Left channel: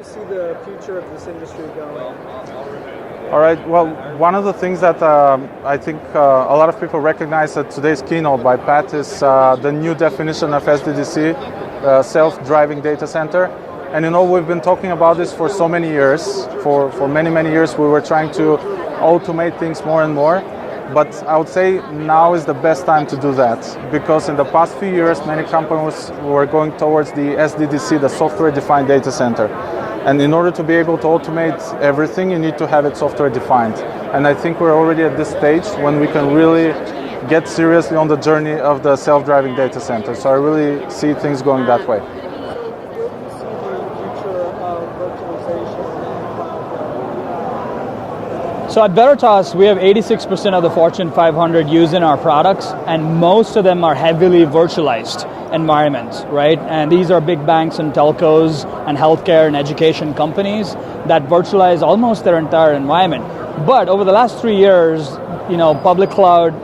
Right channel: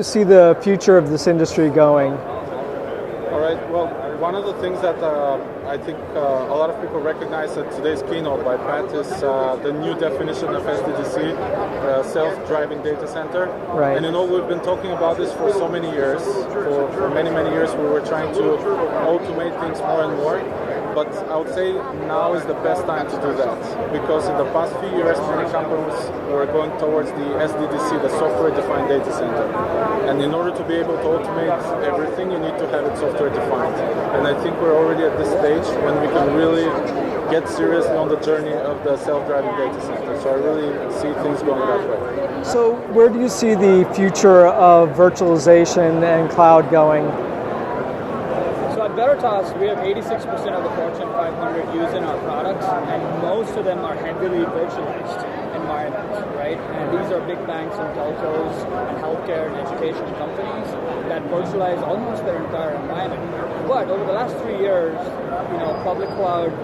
you see the future of this industry going? All right, well, one of the things that I think a lot of people recognize at today's keynote by Pat is the new definition of SDDC, self-driving data center. Right. And we've been talking about this for so many years. For many, many years we were trying to automate things more and more. But I would say now is the best time to do that, because in the past few years many companies were going towards the SDDC, the software-defined data center. And in order to be able to automate everything, you need to have it software-defined. And I think we're already at this stage when we can really get seriously on the journey of the self-driving data center. So I really see things going that way. So where do you see the future of virtualization and cloud going? So at Veritas, we have 86% of the Fortune 500 using our products, and most of them are heavily virtualized environments, right? And these are big banks and telcos and healthcare and education companies that virtualize almost their entire environment. But over the last 3 years, public cloud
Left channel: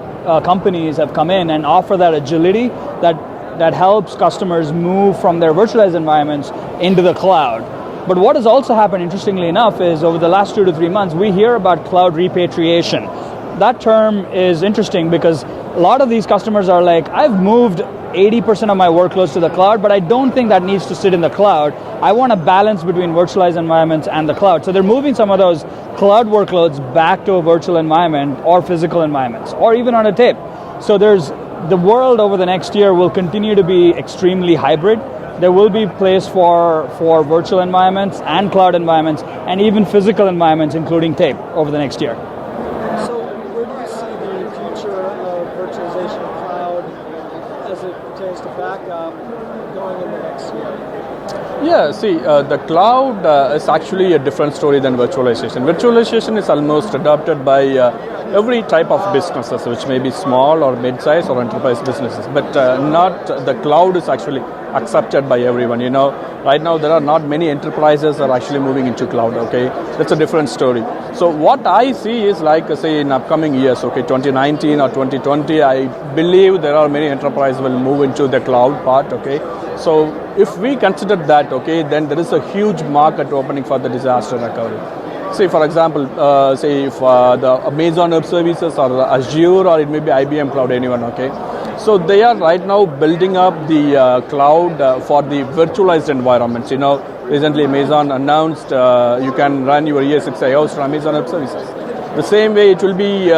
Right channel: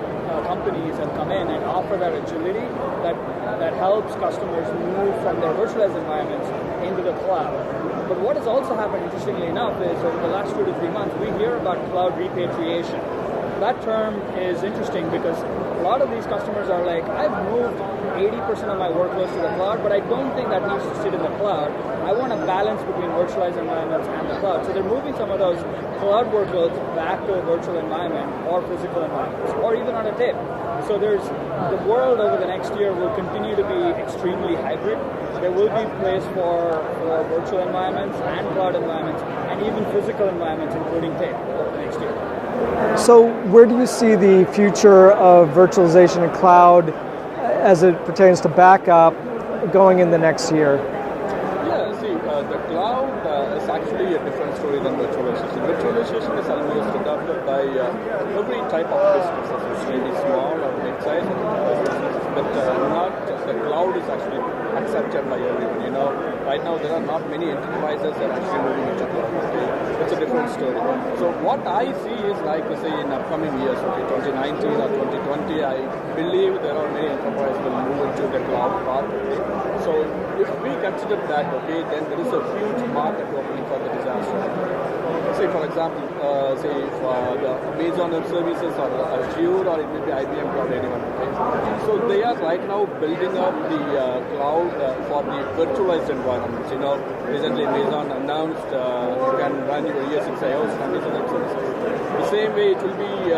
companies have come in and offer that agility that helps customers move from their virtualized environments into the cloud. But what has also happened, interestingly enough, is over the last 2 to 3 months, we hear about cloud repatriation. That term is interesting because a lot of these customers are like, I've moved 80% of my workloads to the cloud, but I don't think that needs to sit in the cloud. I want a balance between virtualized environments and the cloud. So they're moving some of those cloud workloads back to a virtual environment or physical environments, or even on a tape. So the world over the next year will continue to be extremely hybrid. There will be place for virtual environments and cloud environments and even physical environments, including tape, over the next year. So where do you see the future of virtualization and cloud as it pertains to backup going in the next year? Yeah, see, the cloud is actually a different story than virtualization. Virtualization is almost adopted by every type of businesses, which may be small or mid-size or enterprise businesses, but not the cloud is actually accepted by everyone. Right now there are not many enterprises that are actually moving into cloud, okay? That's a different story. So what I see is like, say, in upcoming years, okay, 2019 or 2020, I believe there are many enterprises will move into the cloud part, okay? So if we consider that, okay, then there is a huge market opening for the disaster recovery. Say, for example, if the Amazon Web Services or Azure or it may be IBM Cloud, anyone, okay? So they are right now building up the cloud for the virtualized environments. Recently Amazon announced you can run your ES6 from Amazon Web Services. The same way it will be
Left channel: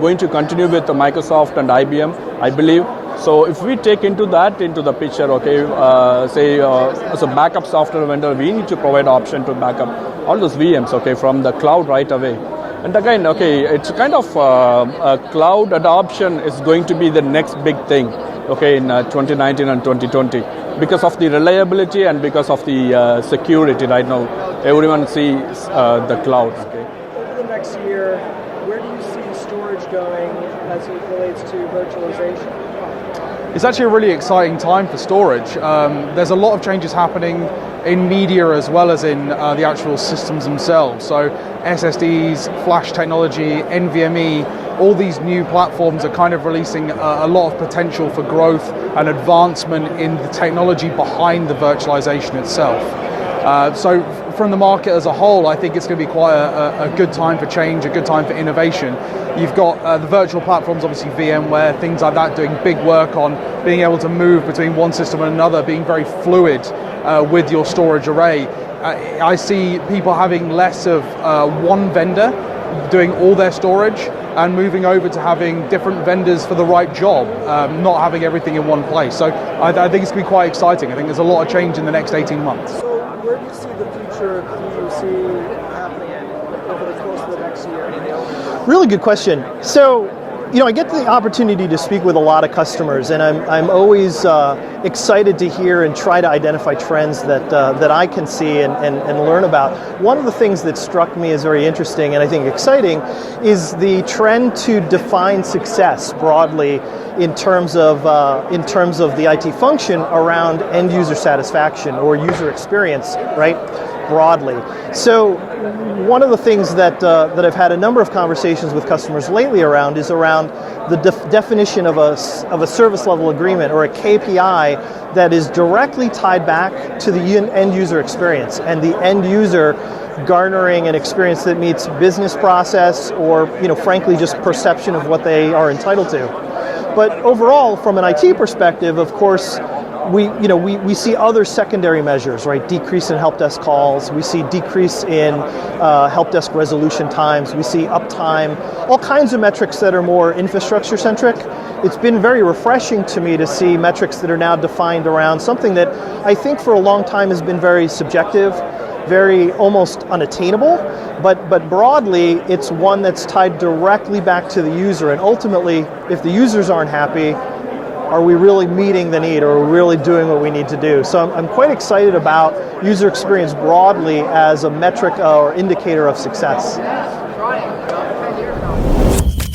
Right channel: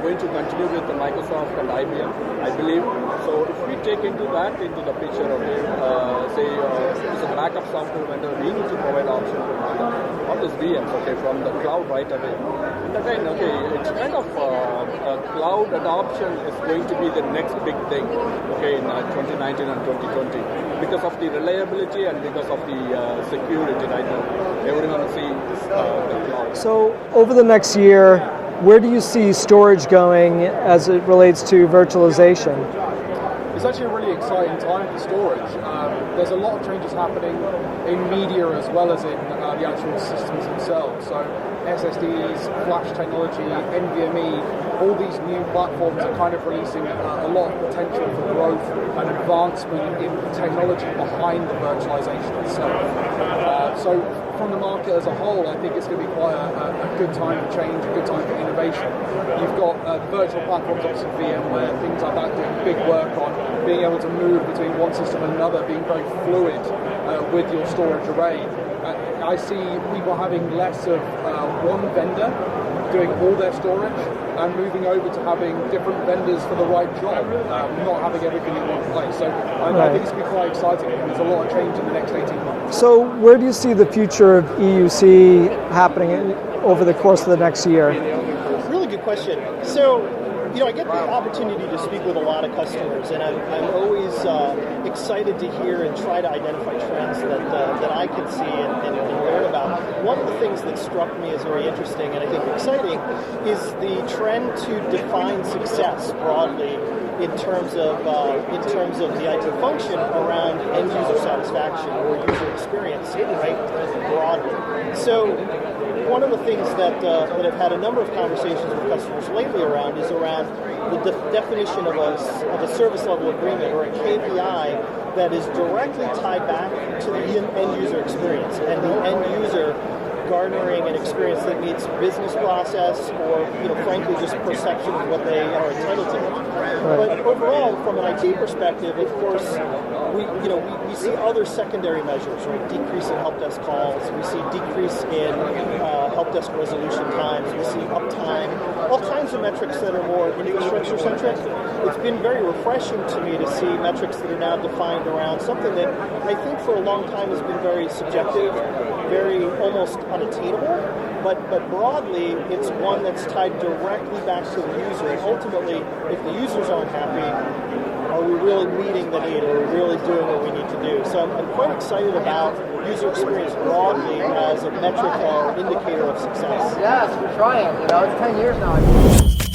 going to continue with Microsoft and IBM, I believe. So if we take into the picture, okay, as a backup software vendor, we need to provide option to backup all those VMs, okay, from the cloud right away. And again, okay, it's kind of cloud adoption is going to be the next big thing, okay, in 2019 and 2020, because of the reliability and because of the security right now. Everyone sees the cloud. So over the next year, where do you see storage going as it relates to virtualization? It's actually a really exciting time for storage. There's a lot of changes happening in media as well as in the actual systems themselves. So SSDs, flash technology, NVMe, all these new platforms are kind of releasing a lot of potential for growth and advancement in the technology behind the virtualization itself. So from the market as a whole, I think it's going to be quite a good time for change, a good time for innovation. You've got the virtual platforms, obviously VMware, things like that, doing big work on being able to move between one system and another, being very fluid with your storage array. I see people having less of one vendor doing all their storage and moving over to having different vendors for the right job, not having everything in one place. So I think it's going to be quite exciting. I think there's a lot of change in the next 18 months. So where do you see the future of EUC happening over the course of the next year? Really good question. So, I get the opportunity to speak with a lot of customers, and I'm always excited to hear and try to identify trends that I can see and learn about. One of the things that struck me as very interesting and I think exciting is the trend to define success broadly in terms of the IT function around end user satisfaction or user experience, right? Broadly. So one of the things that I've had a number of conversations with customers lately around is around around the definition of a service level agreement or a KPI that is directly tied back to the end user experience and the end user garnering an experience that meets business process or, frankly, just perception of what they are entitled to. But overall, from an IT perspective, of course, we see other secondary measures, right? Decrease in help desk calls. We see decrease in help desk resolution times. We see uptime, all kinds of metrics that are more infrastructure centric. It's been very refreshing to me to see metrics that are now defined around something that I think for a long time has been very subjective, very almost unattainable, but broadly it's one that's tied directly back to the user, and ultimately if the users aren't happy, are we really meeting the need, or are we really doing what we need to do? So I'm quite excited about user experience broadly as a metric or indicator of success. Yes, we're trying. 10 years now.